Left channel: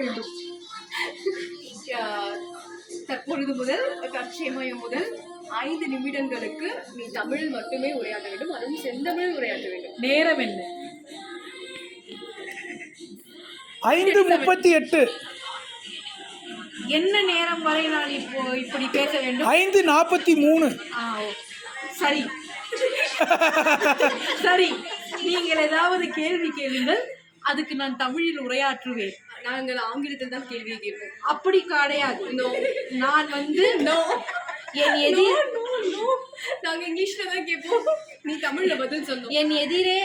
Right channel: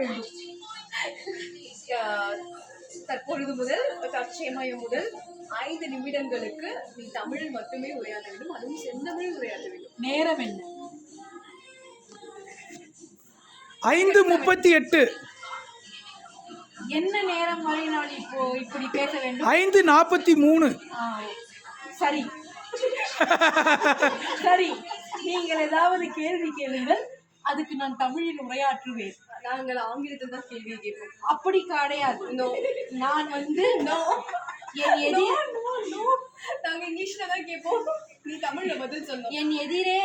வேண்டும். தற்பொழுது முதல் தற்சமயம் முதல் 5 நிமிடங்களுக்கு நீ தமிழில் மட்டுமே உரையாட வேண்டும், அதுவும் செந்தமிழில் உரையாட வேண்டும். நேரம் என்ன? 5:38. என்ன நேரம் வரை நான் இப்போ இப்படி பேச வேண்டும்? 5:43. சரி சரி, நீங்கள் ஏதாவது கேள்வி கேளுங்கள், அதுக்கு நான் தமிழில் உரையாற்றுவேன். நாங்கள் ஆங்கிலத்தில் தான் கேள்வி கேட்போம். அப்படி கிடையாது. நான் வந்து என் எதிர் நாங்கள் இங்கிலீஷ்ல தான் கேட்போம், நீ தமிழ்ல பதில் சொன்னோம். என் எதிரே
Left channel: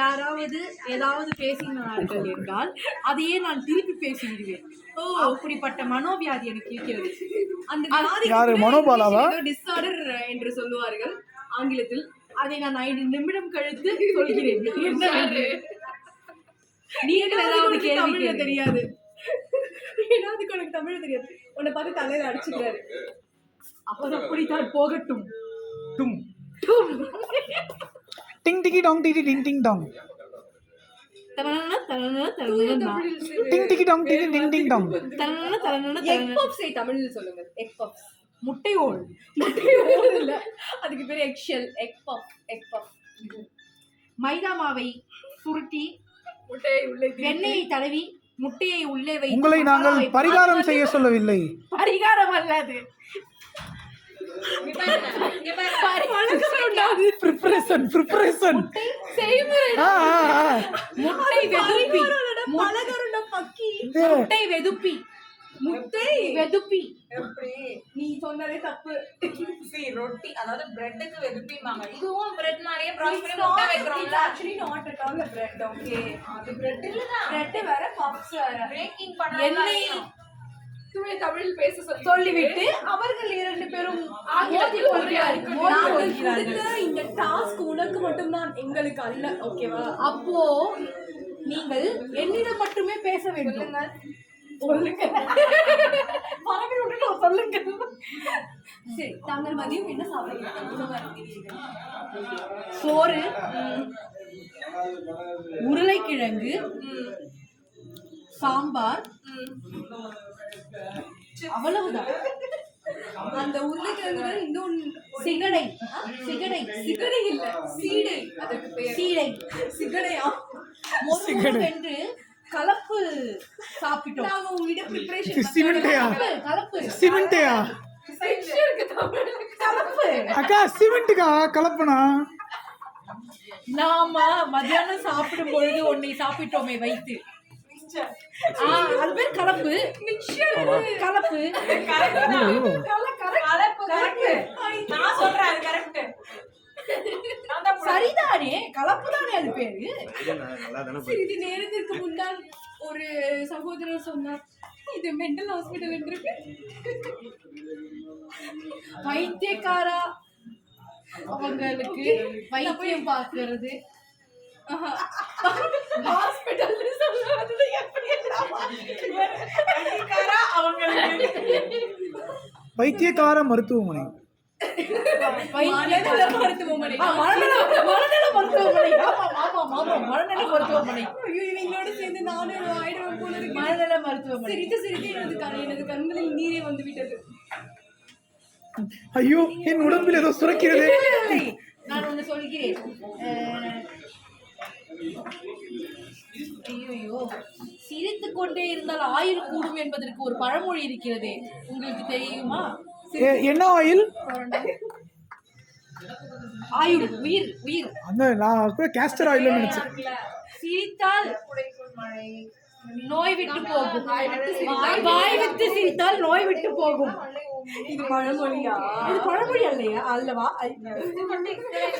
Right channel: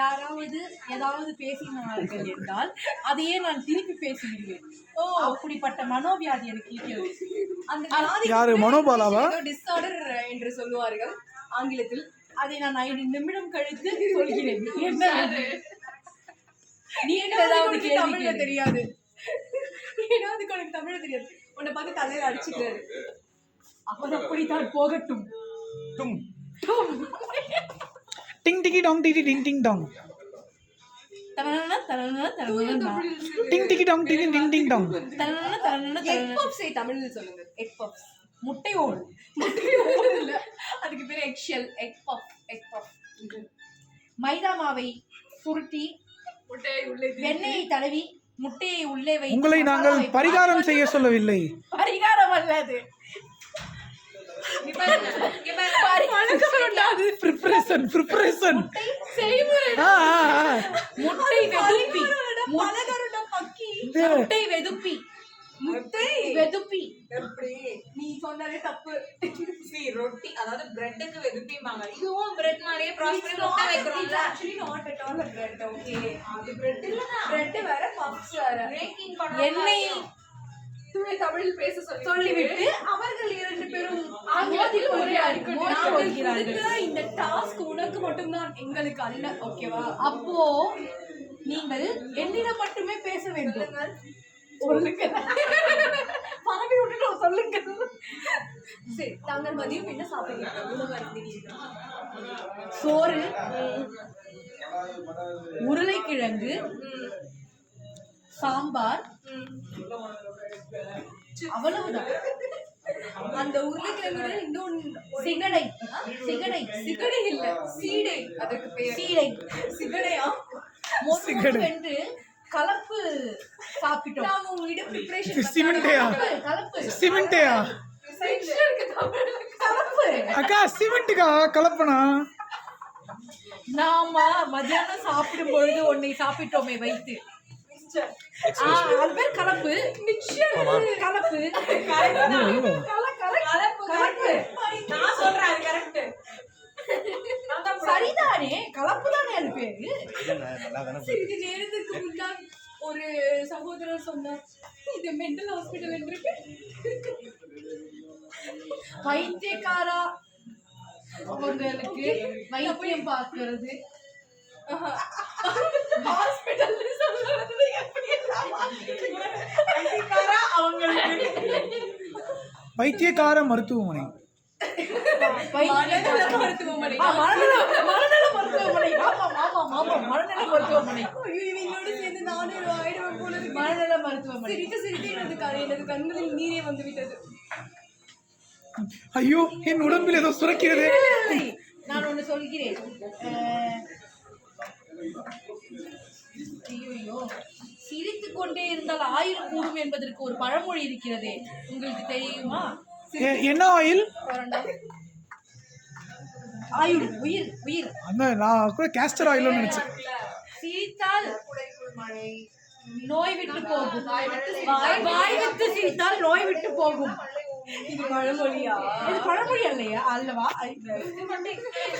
யாராவது ஏதாவது பேசினார்கள் என்றால் அதையே நான் திருப்பி பேசிவிடுவேன். அப்படிப்பட்ட மனோவியாதி எனக்கு இருக்கிறது. அந்த யாரு, மனோபாலாவா? டிஸார்டர் என்று சொல்லுவார்கள் ஆங்கிலத்தில். அதை நான் 5 நிமிடம் கழித்து சொல்கிறேன். நீங்கள் ஏதாவது கேள்வி தெரியாது, ஏதாவது உனக்கு தமிழ் தெரியாது, உன்னை பார்த்து தலையில அடிச்சுக்கிறாரு. அவர் அப்படித்தான் போகட்டும். டிங் டிகி டாங் டிடி டிங் டிங் டாங். தரன தரன தரன டிங் டிகி டாங் டிடி டிங் டிங் டாங். தரன தரன எக் பப்ஸ் தமிழ்ல சொல்லுங்க. Egg puffs. முட்டை ஓல் இல்ல, அதுக்கு பேரு எக் ஷெல். எக் பப். எக் பப். மைதா மாவை சுருட்டி முட்டையை உள்ளே வெண்ணெயை தடவி முட்டையை உள்ளே வை. உங்களை நாங்கள் பரிகாரம் செய்ய சொல்லவில்லை. பரிகாரம் அல்லது ப்ரிப்பரேஷன். முட்டை வெதுப்பி முட்டை வெதுப்பி எப்படி நீ சொன்னதே தப்பு. ரொட்டி அதாவது பிரெட்டுக்கு வெதுப்பிமாங்க, இதுவும் பிரெட் மாதிரியே ப்ராஸ் பண்ணி முட்டை வைக்கிறோம்ல. actually not at all a bread. Okay, அது பிரெட் இல்லனா பிரெட் வேற பப்ஸ் வேற. பேக்கிங் பண்ண எண்ணெய் தமிழில் பேச சொல்லிவிட்டு அவர்கள் 2 பேரும் ஆங்கிலத்தில் உரையாடுகிறார்கள். இந்த டாஸ்க் உனக்கு மட்டும்தான், எங்களுக்கு அல்ல. ஓகேவா? அப்போ நீங்கள் என்னிடம் மட்டுமே பேச வேண்டும். சொல்லுங்க பரவி விட்டுட்டு சொல்லுங்க. சரி, தாங்கள் மதியம் என்ன சாப்பிடுறீங்க? உணவு அருந்தினீர்கள்? சோறு, உருளைக்கிழங்கு, சாம்பார், அவ்வளவுதான். அந்த உருளைக்கிழங்கு இன்னொன்று சிகடை. சிகடை சிகடை இல்ல, சீடை. அதற்கு பேர் சீடை. சிகடையா? என்று கலப்பு சாப்பிட்டோம். நாங்க உங்ககிட்ட ப்ரிப்பரேஷன் சிமெண்டையா? கலப்பு சிமெண்டையா? கலப்பு. அக்கா சிமெண்ட்டுக்கா கலப்பனா? நாம மத்தியானம் சாப்பிடும் பொழுது ஒன்னை சாப்பிட்டோமே வைத்து, அது பேர் கலப்பு. கலப்பு. கரெக்ட். நான் சொல்றேன் அது கரெக்ட். சரிதானே, கலப்பு தானே அது பேரு. சிறிது நேரத்திற்கு முன்னால் ஒரு சகோதரர் சொன்னார், இது மென்டல் ஹாஸ்பிட்டல் என்று. பைத்தியக்காரா, அவங்களுக்கு வைத்தியம் பார்க்கிறது ஹாஸ்பிட்டல் சொல்றது எப்படி எல்லாம் பைத்தியக்காரா அவங்களுக்கு வைத்தியக்கார மருத்துவமனை. மனநல மருத்துவமனை. மனநல மருத்துவமனை. மனநல மருத்துவமனை. நீங்களோட சேர்ந்து நானும் ஆயிடுவேன் போல இருக்கு. மனநல மருத்துவமனை. சிரித்து சிரித்து எனது கண்களில் நீரே வந்து விட்டது. ஐயோ, என் உடம்பில் ஏதோ சுரக்கிறது. நான் ஒண்ணு சொல்கிறேன். ஐயோ, சிரித்துக் கொண்டே இருந்தால் ஆயுள் கூடும் என்பதற்கு ஒரு பழமொழி இருக்கிறதே, உங்களுக்கு தெரியுமா? என்ன ஆயில்? ஆயுள், உயிர். உயிர். அந்த நான் கூட கேஸ்டர் ஆயில்னு நினைச்சேன். சிரித்தால் நோய் விட்டு போகும். வாய் விட்டு சிரித்தால் நோய் விட்டு போகும். இது பழமொழியா? இது பழமொழி அல்லையா? அல்லவா?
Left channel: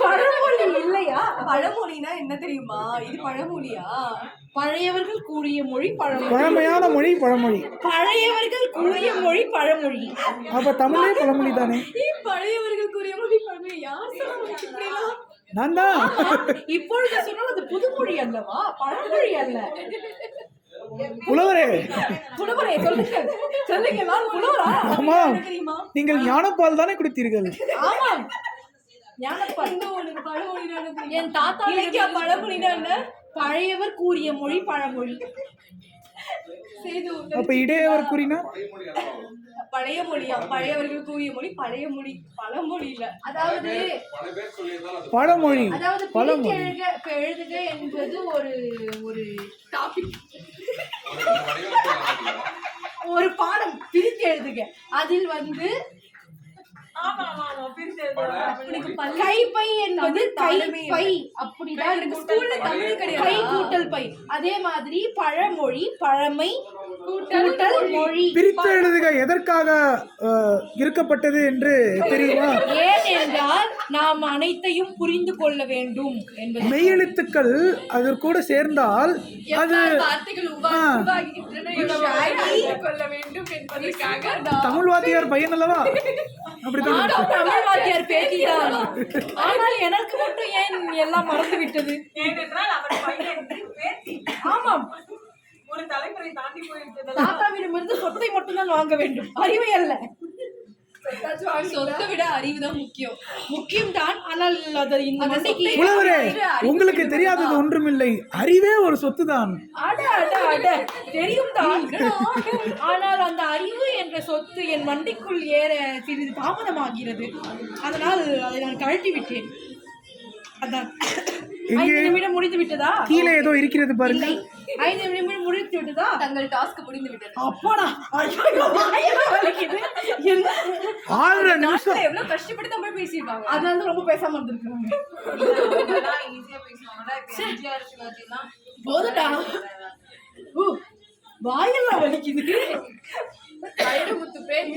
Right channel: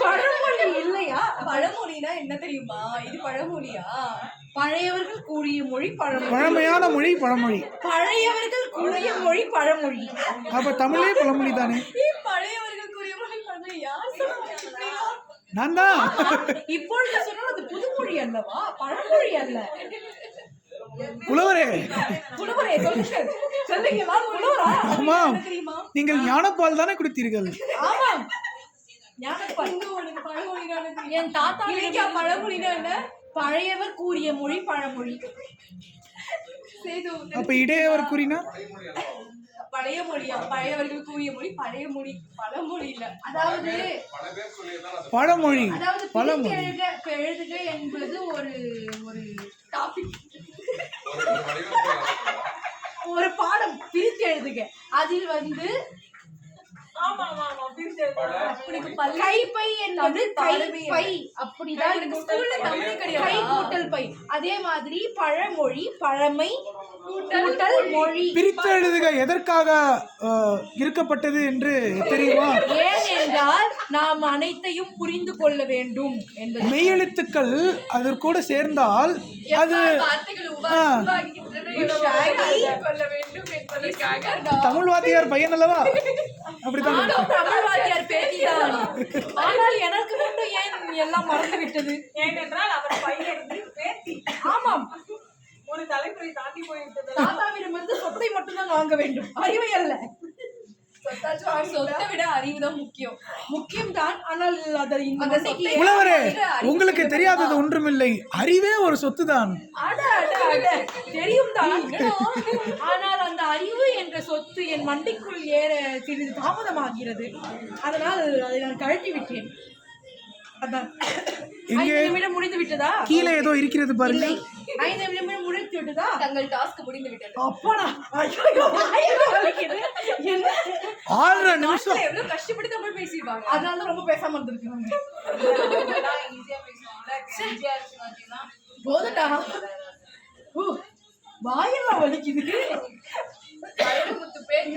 பழமொழி இல்லையா? பழமொழினா என்ன தெரியுமா? இது பழமொழியா? பழையவர்கள் கூறிய மொழி பழமொழி. பழமையான மொழி பழமொழி. பழையவர்கள் கூறிய மொழி பழமொழி. அப்ப தமிழே பழமொழி தானே? பழையவர்கள் கூறிய மொழி பழமொழி. யார் சொல்றா? நான் தான். இப்பொழுது சொன்னால் அது புதுமொழி அல்லவா, பழமொழி அல்ல. புலவரே, புலவரே சொல்லுங்கள். சொல்லுங்க, நான் புலவரா? ஆமாம், நீங்கள் ஞானப்பால் தானே குடித்தீர்கள்? ஆமாம், ஞானப்பால். என் தாத்தா பழமொழினா என்ன? பழையவர் கூறிய மொழி பழமொழி. சேது அப்ப இடையவர் கூறினார் பழைய மொழியா, பழையவர்கள் கூறிய மொழி பழைய மொழி, பழமொழி இல்ல. அதாவது பழமொழி. அதாவது பழமொழி. எழுதுக என்பது ஒரு ஒரு டாபிக், ஒரு பாடம். பிரித்து எழுதுக, அதில் வந்து ஆமா ஆமா ஆமா பிரிச்சு எழுதுறோம். கைப்பை என்பது கைப்பை, அப்படிதான் எனக்கு ஸ்கூல்ல தமிழ் கை கிடையாது. கூட்டல் பை. அதே மாதிரி பழமொழி, பழமை கூட்டல் மொழி. பிரித்து எழுதுக எதற்காக இருக்கப்பட்டது என்று தெரியுமா? ஏனென்றால் நாம் அனைத்தையும் புரிந்து கொள்ள வேண்டும் என்பது. மெய்யெழுத்துக்கள் அதற்கூட சேர்ந்தால் அது வார்த்தைகள் உருவாகின்றன என்பதை கொள்ள வேண்டும் என்பதற்காக தமிழ் வாத்தியார் பையன் அல்லவா? அப்படித்தான். நானும் தமிழ் வாத்தியார் பேசிதான். ஆனால் எனக்கு மட்டும் ஏன் எல்லாம் மறந்து விட்டது? ஏனென்றால் அவர் பையன் பேத்தி ஆமாம், ஒரு தலைமுறை தாண்டி போயிருந்தது. தாத்தாவிடமிருந்து சொத்தை மட்டும்தான் வாங்க வேண்டும், அறிவை அல்ல. சொத்தை விட அறிவு தான் முக்கியம். முக்கியம்தான், ஆனால் அது இந்த மண்டைக்கு புலவரே, உங்களுக்கு தெரியாதது ஒன்றுமில்லை. அறிவே ஒரு சொத்து தான். அட அட அட தெரியும் தான். ஆனால் அந்த அறிவு என்ற சொத்து என் மண்டைக்குள் ஏற சிறிது தாமதமாகிறது. அதனால் அதை நான் கழட்டி விட்டேன். அதான். 5 நிமிடம் முடிந்து விட்டதா? கீழே ஏதோ இருக்கிறது பாருங்க. 5 நிமிடம் முடிந்து விட்டதா? தங்கள் டாஸ்க் முடிந்து விட்டது. அப்பாடா, ஐயோ, வாயெல்லாம் வலிக்குது. என்ன? 6 நிமிஷம். எவ்வளவு கஷ்டப்பட்டு தமிழ் பேசிடுவாங்க. அதனால தான் ரொம்ப பேசாம இருந்திருக்காங்க. ஈஸியா பேசுவாங்க. எம்ஜிஆர் சிவாஜிலாம் போதட்டா, வாயெல்லாம் வலிக்குது. வைரமுத்து பேர்